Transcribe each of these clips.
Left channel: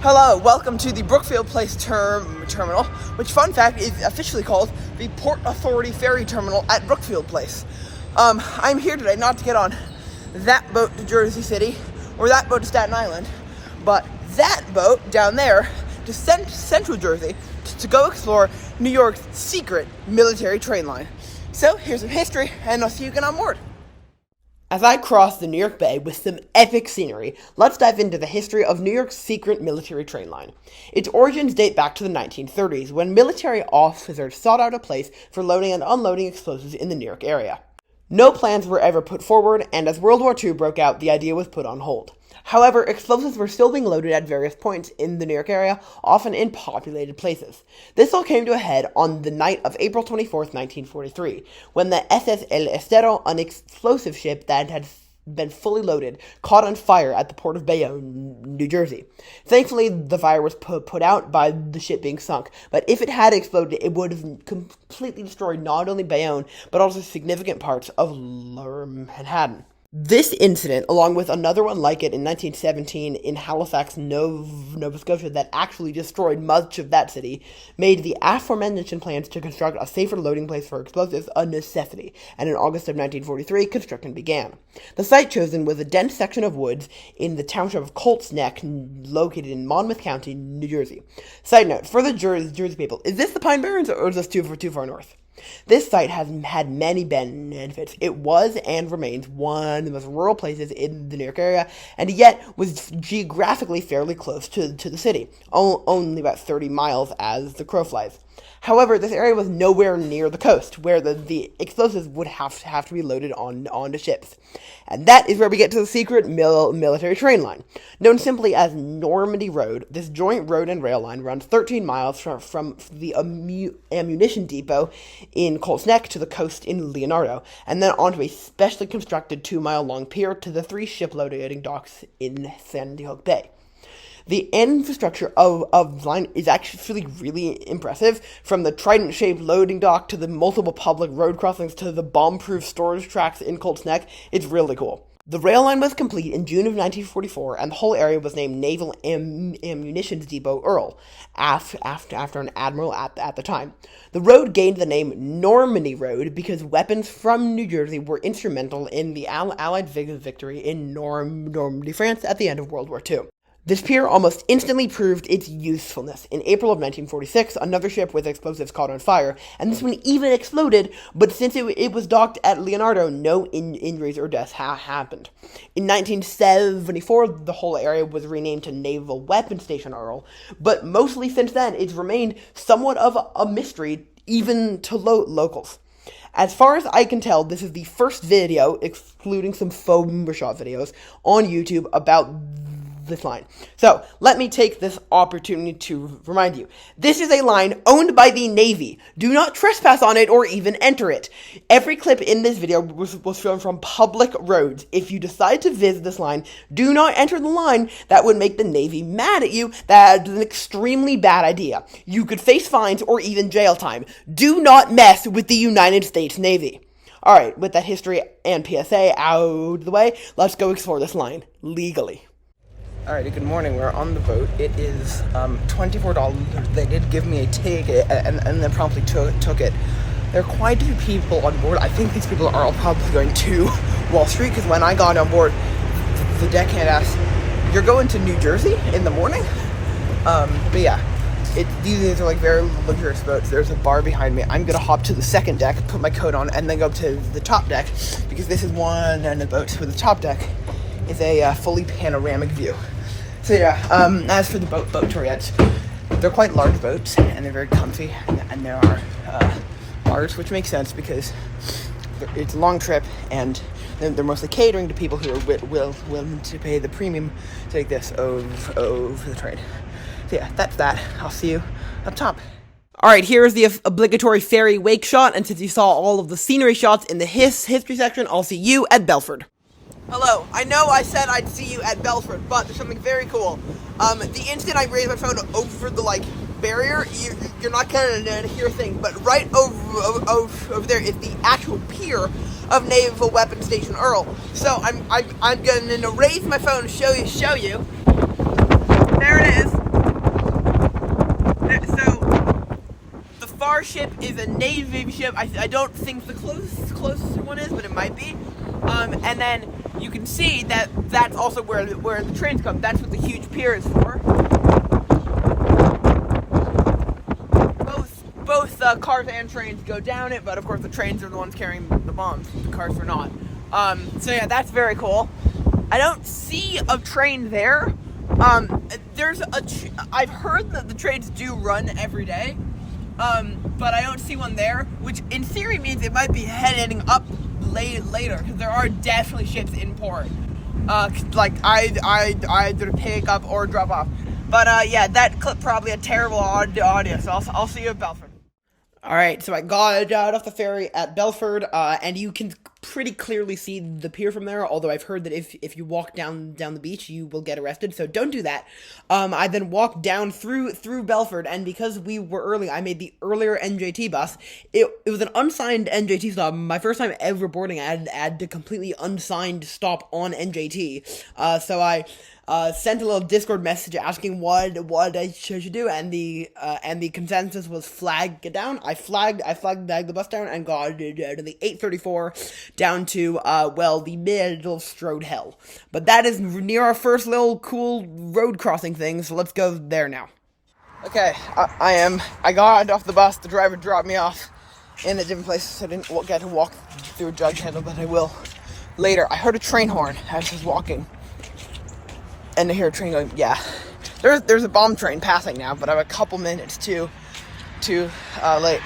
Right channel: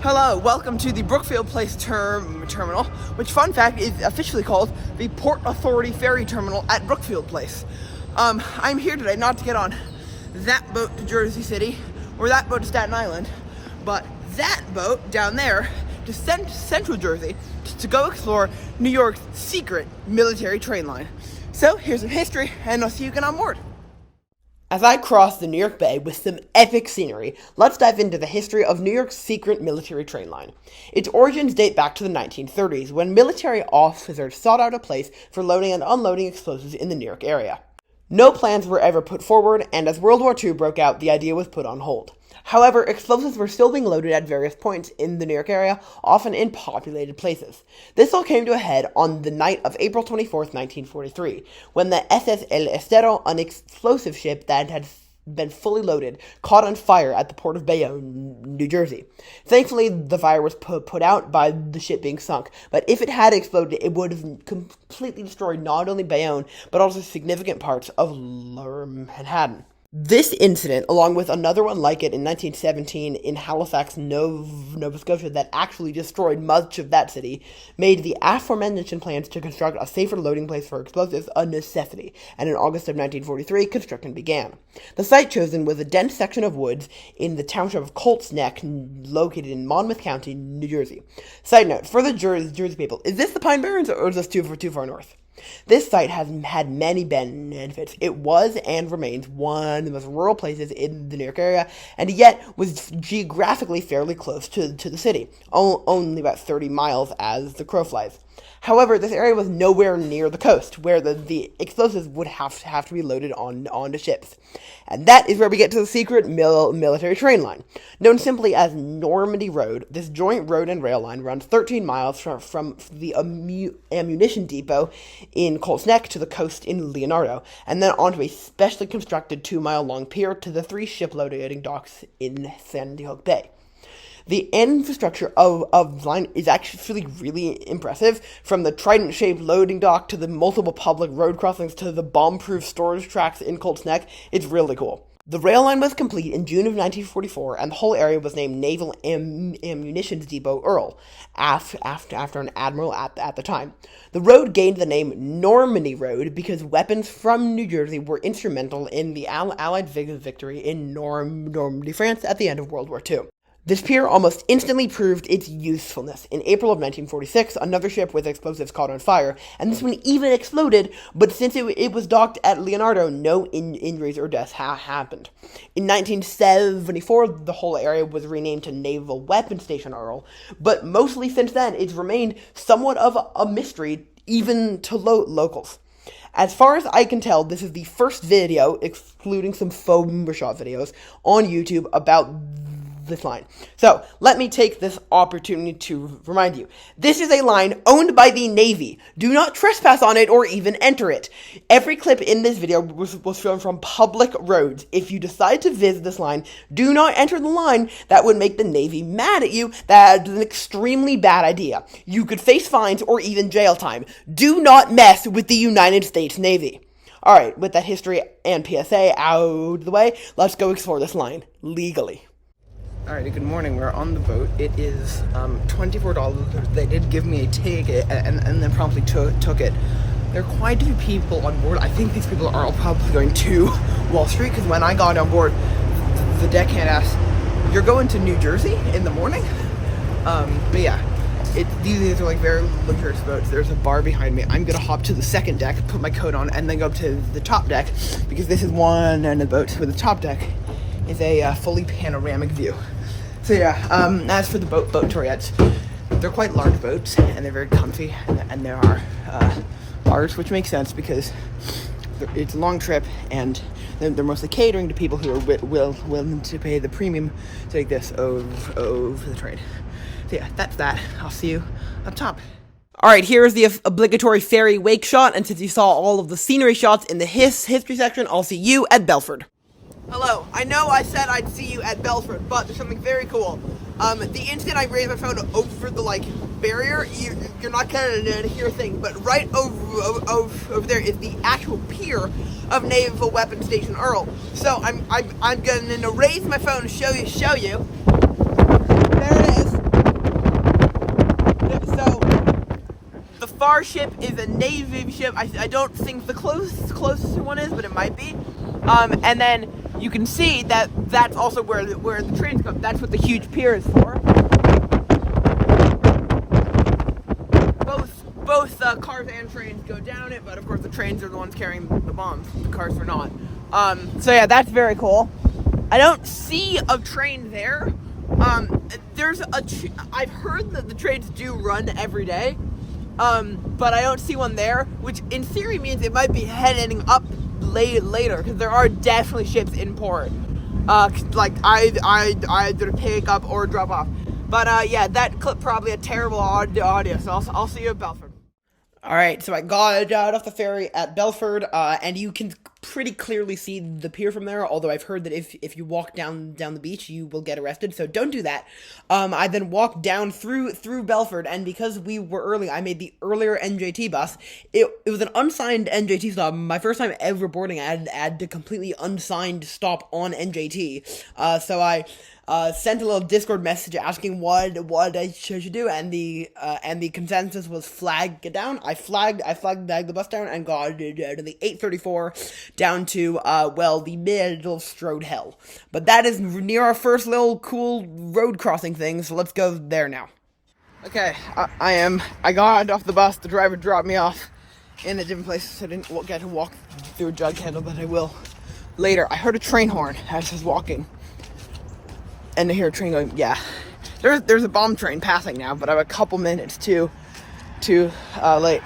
Hello, welcome to the Brookfield Place terminal, which, fun fact, is officially called the Port Authority Ferry Terminal at Brookfield Place. I'm here today not to get on that boat to Jersey City or that boat to Staten Island, but that boat down there to Central Jersey to go explore New York's secret military train line. So here's some history, and I'll see you again on board. As I cross the New York Bay with some epic scenery, let's dive into the history of New York's secret military train line. Its origins date back to the 1930s, when military officers sought out a place for loading and unloading explosives in the New York area. No plans were ever put forward, and as World War II broke out, the idea was put on hold. However, explosives were still being loaded at various points in the New York area, often in populated places. This all came to a head on the night of April 24th, 1943, when the SS El Estero, an explosive ship that had been fully loaded, caught on fire at the port of Bayonne, New Jersey. Thankfully, the fire was put out by the ship being sunk, but if it had exploded, it would have completely destroyed not only Bayonne, but also significant parts of Lower Manhattan. This incident, along with another one like it in 1917 in Halifax, Nova Scotia, that actually destroyed much of that city, made the aforementioned plans to construct a safer loading place for explosives a necessity, and in August of 1943, construction began. The site chosen was a dense section of woods in the township of Colts Neck, located in Monmouth County, New Jersey. Side note, for the Jersey people, is this the Pine Barrens, or is this too far north? This site has had many benefits. It was and remains one of the most rural places in the New York area, and yet was geographically fairly close to the city, only about 30 miles as the crow flies. However, this area was nowhere near the coast, where the explosives would have to be loaded onto ships. And that is where we get to the secret military train line. Known simply as Normandy Road, this joint road and rail line runs 13 miles from the ammunition depot in Colts Neck to the coast in Leonardo, and then onto a specially constructed 2-mile-long pier to the 3 ship-loading docks in Sandy Hook Bay. The infrastructure of the line is actually really impressive, from the trident-shaped loading dock to the multiple public road crossings to the bomb-proof storage tracks in Colts Neck. It's really cool. The rail line was complete in June of 1944, and the whole area was named Naval Ammunition Depot Earl, after an admiral at the time. The road gained the name Normandy Road because weapons from New Jersey were instrumental in the Allied victory in Normandy, France at the end of World War II. This pier almost instantly proved its usefulness. In April of 1946, another ship with explosives caught on fire, and this one even exploded, but since it was docked at Leonardo, no injuries or deaths happened. In 1974, the whole area was renamed to Naval Weapons Station Earl, but mostly since then, it's remained somewhat of a mystery, even to locals. As far as I can tell, this is the first video, excluding some faux shot videos, on YouTube about this line. So, let me take this opportunity to remind you. This is a line owned by the Navy. Do not trespass on it or even enter it. Every clip in this video was filmed from public roads. If you decide to visit this line, do not enter the line. That would make the Navy mad at you. That is an extremely bad idea. You could face fines or even jail time. Do not mess with the United States Navy. Alright, with that history and PSA out of the way, let's go explore this line legally. Alrighty, good morning. We're on the boat. It is $24. They did give me a ticket and then promptly took it. There are quite a few people on board. I think these people are all probably going to Wall Street, because when I got on board, the deckhand asked, "You're going to New Jersey in the morning?" But yeah, these are like very luxurious boats. There's a bar behind me. I'm gonna hop to the second deck, put my coat on, and then go up to the top deck, because this is one end of the boat. So the top deck is a fully panoramic view. So yeah, as for the boat tourettes, they're quite large boats, and they're very comfy, and there are bars, which makes sense because it's a long trip, and they're mostly catering to people who are willing to pay the premium to take this over the train. So yeah, that's that. I'll see you up top. Alright, here's the obligatory ferry wake shot, and since you saw all of the scenery shots in the history section, I'll see you at Belford. Hello, I know I said I'd see you at Belford, but there's something very cool. The instant I raise my phone over the, barrier, you're not gonna hear a thing, but right over there is the actual pier of Naval Weapons Station Earl. So I'm gonna raise my phone to show you. There it is. our ship is a Navy ship. I don't think the closest one is, but it might be. And then you can see that that's also where the trains come. That's what the huge pier is for. Both cars and trains go down it, but of course the trains are the ones carrying the bombs. The cars are not. So yeah, that's very cool. I don't see a train there. I've heard that the trains do run every day, but I don't see one there, which in theory means it might be heading up later, because there are definitely ships in port. Like either pick up or drop off. But yeah, that clip probably a terrible audio, so I'll see you at Belford. Alright, so I got off the ferry at Belford, and you can pretty clearly see the pier from there, although I've heard that if you walk down the beach, you will get arrested, so don't do that. I then walked down through Belford, and because we were early, I made the earlier NJT bus. It was an unsigned NJT stop. My first time ever boarding, I had a completely unsigned stop on NJT, so I sent a little Discord message asking what I should do, and the consensus was flag it down. I flagged the bus down and got to the 834 down to the middle strode hell. But that is near our first little cool road crossing thing, so let's go there now. Okay, I got off the bus. The driver dropped me off in a different place, so I didn't get to walk through a jug handle, but I will later. I heard a train horn as I was walking. And I hear a train going, yeah. There's a bomb train passing now, but I have a couple minutes to late.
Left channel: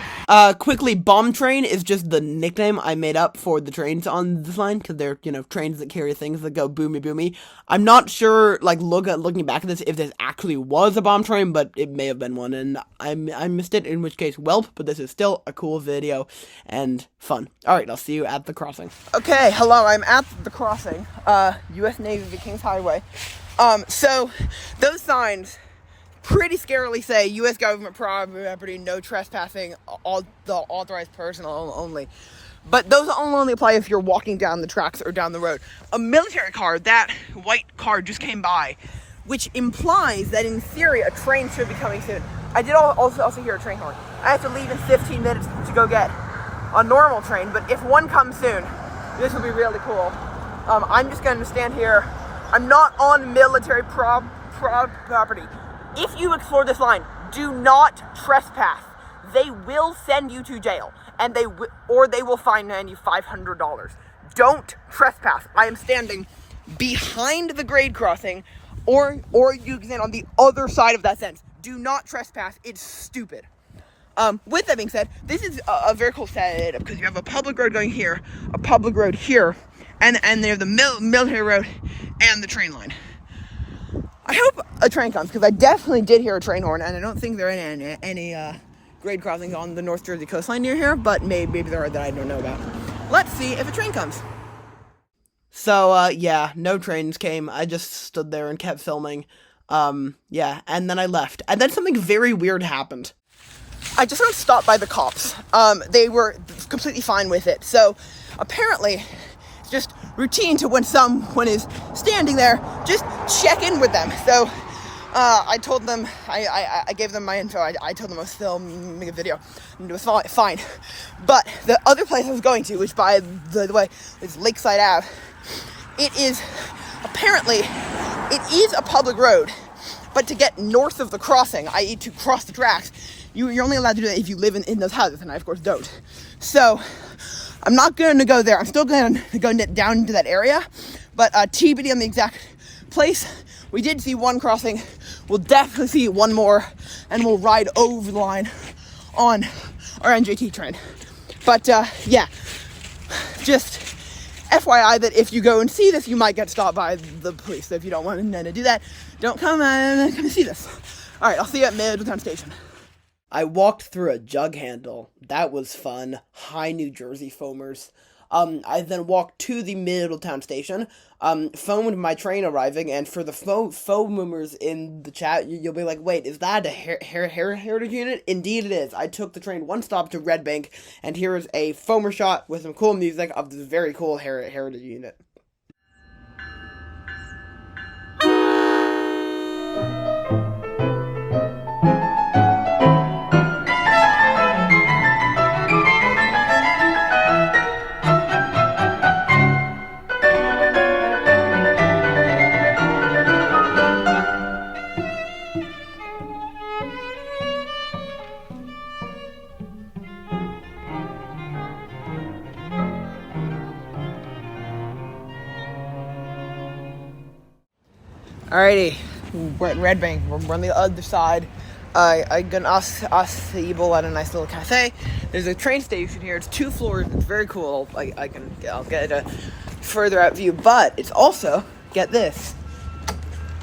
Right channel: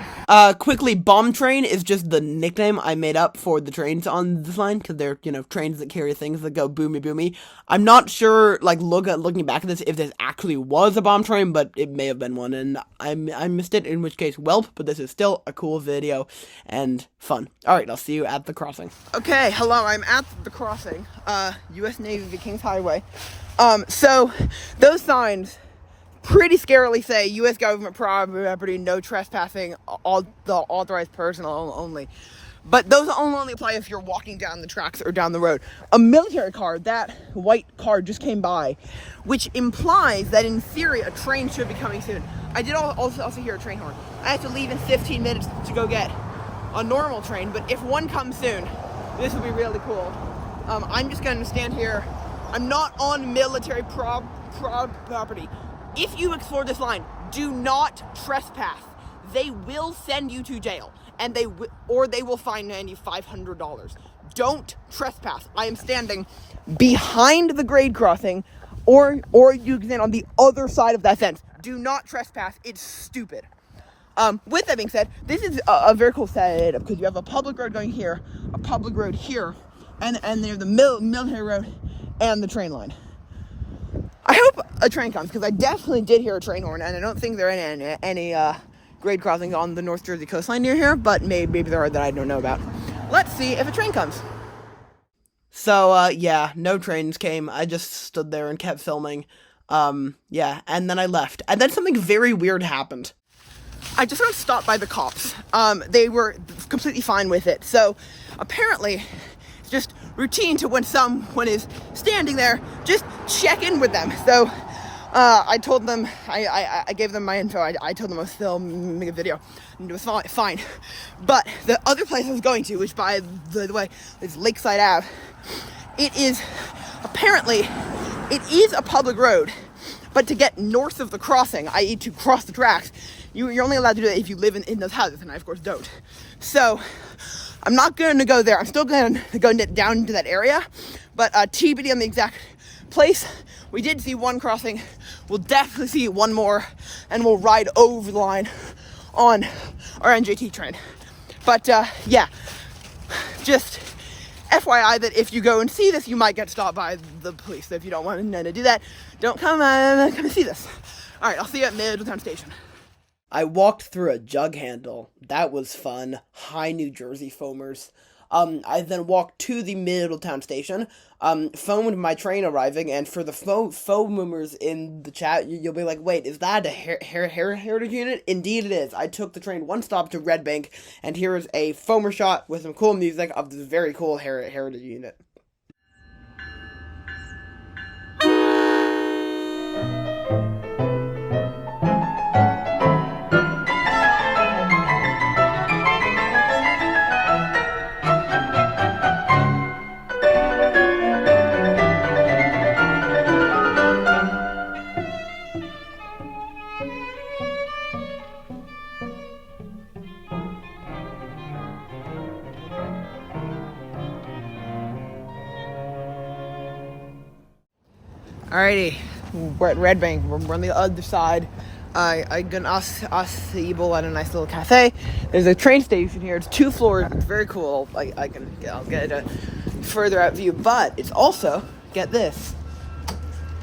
Quickly, bomb train is just the nickname I made up for the trains on this line, because they're, trains that carry things that go boomy boomy. I'm not sure, looking back at this, if this actually was a bomb train, but it may have been one, and I missed it, in which case, welp, but this is still a cool video, and fun. Alright, I'll see you at the crossing. Okay, hello, I'm at the crossing, U.S. Navy, Kings Hwy. So those signs pretty scarily say U.S. government property, no trespassing, all the authorized personnel only. But those only apply if you're walking down the tracks or down the road. A military car, that white car just came by, which implies that in theory a train should be coming soon. I did also hear a train horn. I have to leave in 15 minutes to go get a normal train, but if one comes soon, this will be really cool. I'm just going to stand here. I'm not on military property. If you explore this line, do not trespass. They will send you to jail, and they will fine you $500. Don't trespass. I am standing behind the grade crossing, or you can stand on the other side of that fence. Do not trespass. It's stupid. With that being said, this is a very cool setup, because you have a public road going here, a public road here, and there's the military road and the train line. I hope a train comes, because I definitely did hear a train horn, and I don't think there are any grade crossings on the North Jersey coastline near here, but maybe there are that I don't know about. Let's see if a train comes. So, yeah, no trains came. I just stood there and kept filming. Yeah, and then I left. And then something very weird happened. I just got stopped by the cops. They were completely fine with it. So, apparently, it's just routine to when someone is standing there, just check in with them. So I told them, I gave them my info. I told them I was filming a video, and it was fine. But the other place I was going to, which by the way is Lakeside Ave, it is a public road, but to get north of the crossing, i.e. to cross the tracks, you're only allowed to do that if you live in those houses, and I of course don't. So I'm not going to go there. I'm still going to go down into that area, but TBD on the exact place. We did see one crossing. We'll definitely see one more, and we'll ride over the line on our NJT train. But yeah, just FYI that if you go and see this, you might get stopped by the police. So if you don't want to do that, don't come and see this. All right, I'll see you at Middletown Station. I walked through a jug handle. That was fun. Hi, New Jersey foamers. I then walked to the Middletown Station, phoned my train arriving, and for the foamers in the chat, you'll be like, wait, is that a heritage unit? Indeed it is. I took the train one stop to Red Bank, and here is a foamer shot with some cool music of this very cool heritage unit. Alrighty, Red Bank. We're on the other side. I gonna ask the Evil at a nice little cafe. There's a train station here. It's 2 floors. It's very cool. I'll get a further out view, but it's also, get this,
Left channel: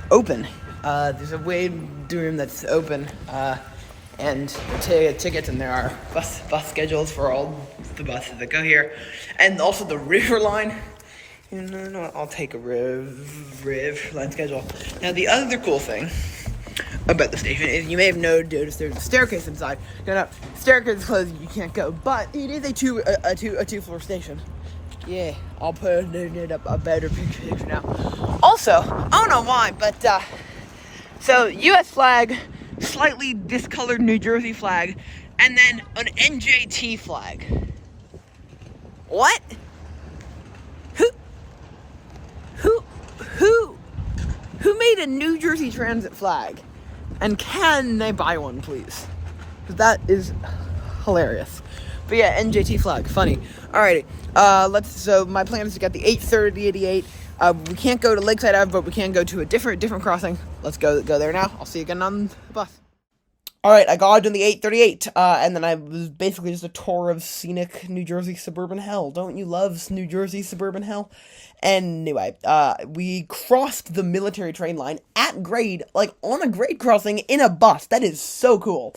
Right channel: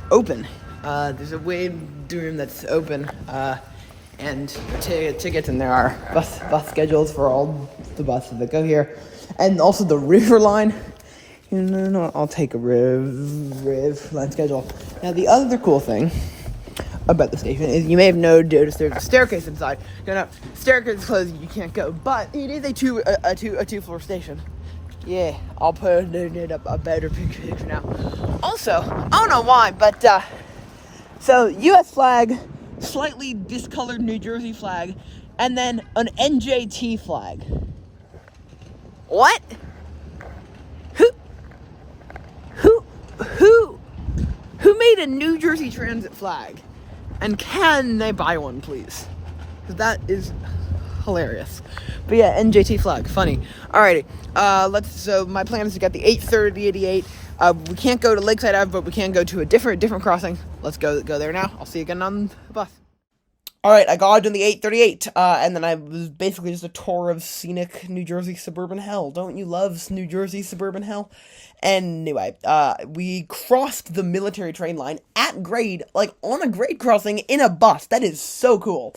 open. There's a waiting room that's open, and there are tickets, and there are bus schedules for all the buses that go here, and also the River Line. No, I'll take a River Line schedule. Now, the other cool thing about the station is you may have noticed there's a staircase inside. Staircase is closed, you can't go, but it is a 2-floor station. Yeah, I'll put it up a better picture now. Also, I don't know why, but so U.S. flag, slightly discolored New Jersey flag, and then an NJT flag. What? Who made a New Jersey Transit flag? And can they buy one, please? Because that is hilarious. But yeah, NJT flag, funny. Alrighty, so my plan is to get the 830-88. We can't go to Lakeside Ave, but we can go to a different crossing. Let's go there now. I'll see you again on the bus. Alright, I got on the 838, and then I was basically just a tour of scenic New Jersey suburban hell. Don't you love New Jersey suburban hell? Anyway, we crossed the military train line at grade, like on a grade crossing in a bus. That is so cool.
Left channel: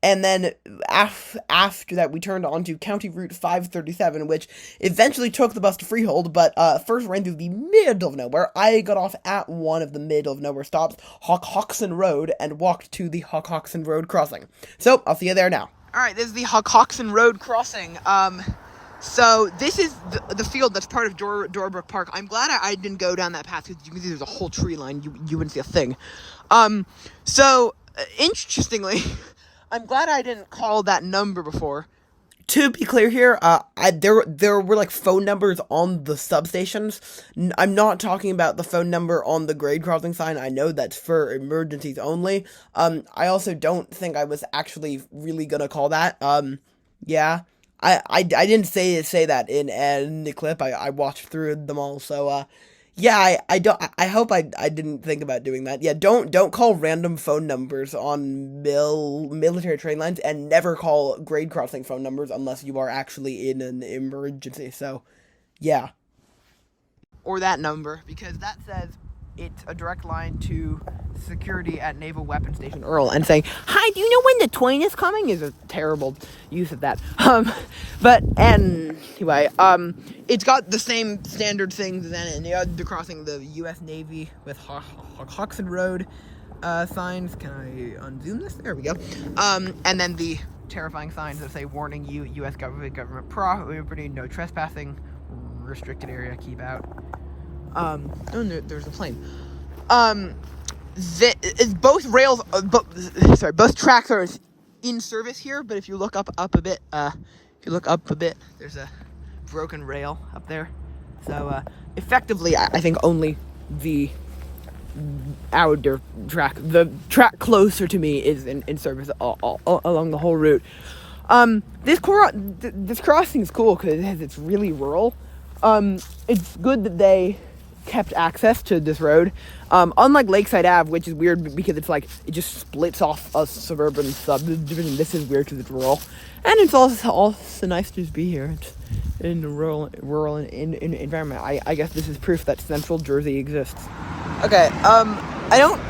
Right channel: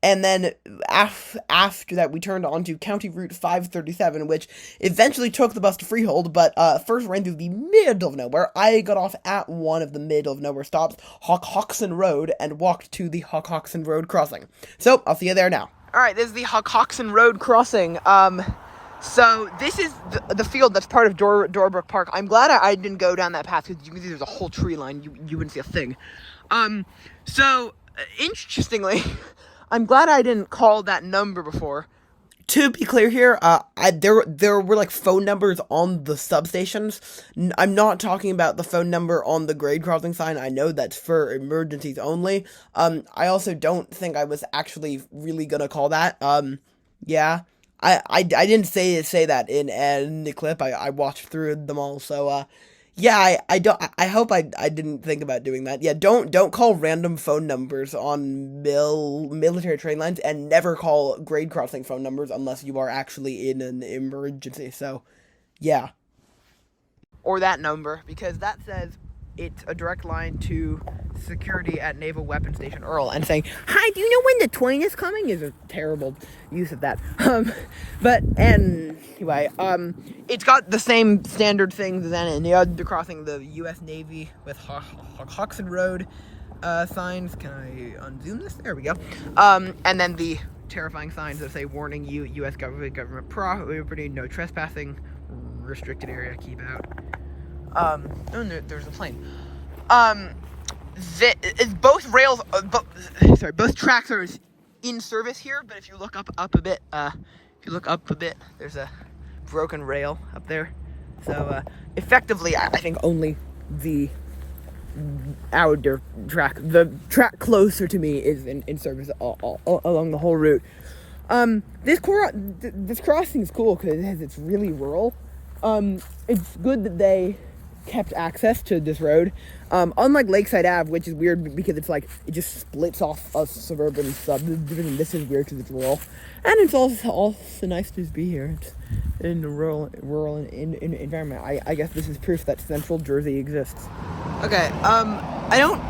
And then after that, we turned onto County Route 537, which eventually took the bus to Freehold, but first ran through the middle of nowhere. I got off at one of the middle of nowhere stops, Hockhockson Road, and walked to the Hockhockson Road crossing. So, I'll see you there now. Alright, this is the Hockhockson Road crossing. So this is the field that's part of Dorbrook Park. I'm glad I didn't go down that path, because you can see there's a whole tree line. You wouldn't see a thing. So, interestingly, I'm glad I didn't call that number before. To be clear here, there were like phone numbers on the substations. I'm not talking about the phone number on the grade crossing sign. I know that's for emergencies only. I also don't think I was actually really gonna call that. Yeah. I didn't say that in the clip. I watched through them all, so yeah, I hope I didn't think about doing that. Yeah, don't call random phone numbers on military train lines, and never call grade crossing phone numbers unless you are actually in an emergency. So, yeah. Or that number, because that says it's a direct line to security at Naval Weapons Station Earl, and saying, "Hi, do you know when the train is coming?" is a terrible use of that. But anyway, it's got the same standard things then, and the other crossing, the U.S. Navy with Hockhockson Road signs. Can I unzoom this? There we go. And then the terrifying signs that say, "Warning you, U.S. government property, no trespassing, restricted area, keep out." There's a plane. Both tracks are in service here, but if you look up a bit, there's a broken rail up there. So, effectively, I think only the outer track, the track closer to me, is in service all along the whole route. This crossing is cool because it's really rural. It's good that they kept access to this road, unlike Lakeside Ave, which is weird because it's like it just splits off a suburban subdivision. This is weird because it's rural, and it's also nice to just be here. It's in the rural environment. I guess this is proof that Central Jersey exists. Okay, I don't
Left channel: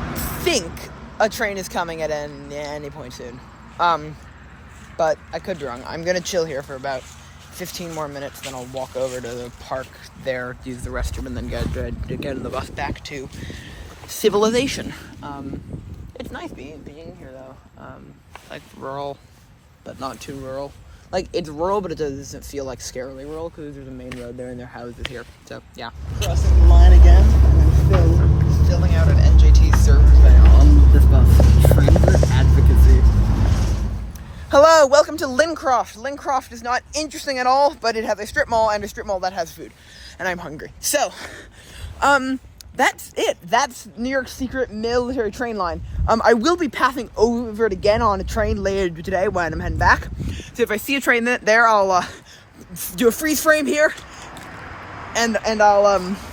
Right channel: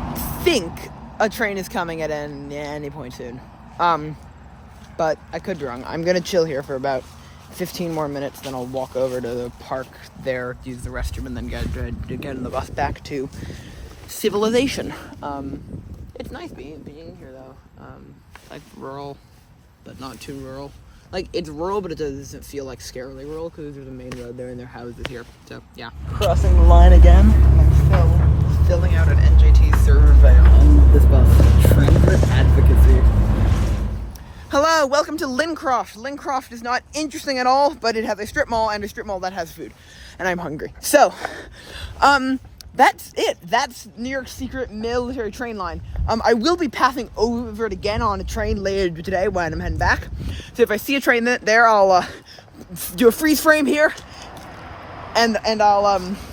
think a train is coming at any point soon, but I could be wrong. I'm gonna chill here for about 15 more minutes, then I'll walk over to the park there, use the restroom, and then get on the bus back to civilization. It's nice being here, though. Like, rural, but not too rural. Like, it's rural, but it doesn't feel like scarily rural, because there's a main road there, and there are houses here. So, yeah. Crossing the line again. I'm filling out an NJT survey on this bus. Transit advocacy. Hello, welcome to Lincroft. Lincroft is not interesting at all, but it has a strip mall, and a strip mall that has food. And I'm hungry. So, that's it. That's New York's secret military train line. I will be passing over it again on a train later today when I'm heading back. So if I see a train there, I'll do a freeze frame here, and I'll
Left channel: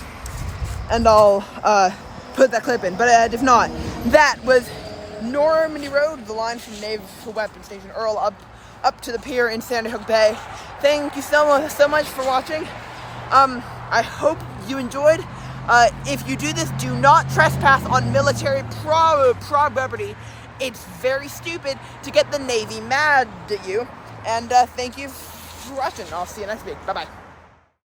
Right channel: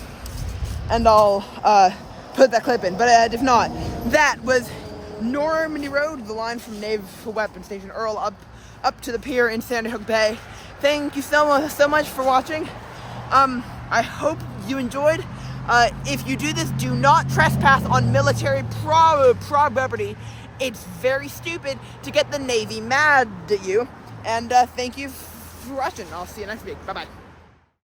put that clip in. But if not, that was Normandy Road, the line from Naval Weapons Station Earl up to the pier in Sandy Hook Bay. Thank you so much for watching. I hope you enjoyed. If you do this, do not trespass on military property. It's very stupid to get the Navy mad at you. And thank you for watching. I'll see you next week. Bye-bye.